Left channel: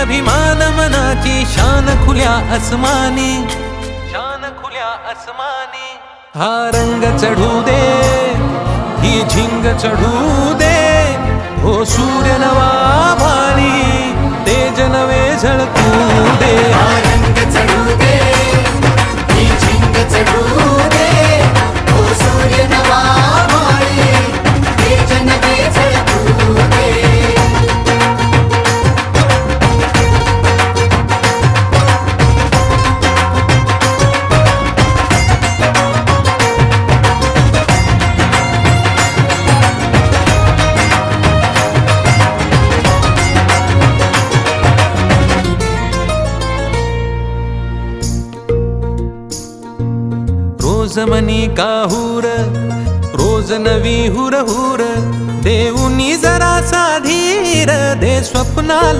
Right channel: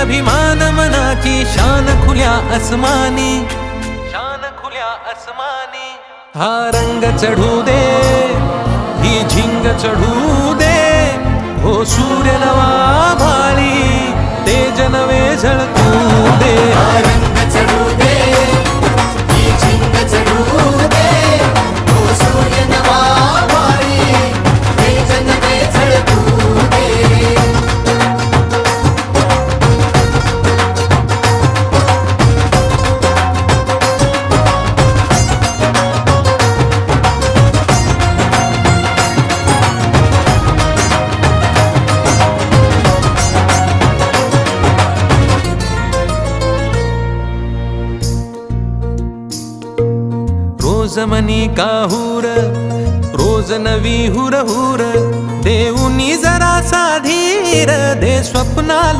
अभिमान मनाची शान खुल्या आसमानी, शान खुल्या आसमानी. हा रंग चढू दे, ही झिंग चढू दे, हो सूर्य नवा भाळी, तेज नवे झळकू दे. हा रंग चढू दे, ही झिंग चढू दे, हो सूर्य नवा भाळी, तेज नवे झळकू दे. रोज मनी काहूर, रोज नवी हुर हुर, देऊनी जरा धीर दे स्वप्नाला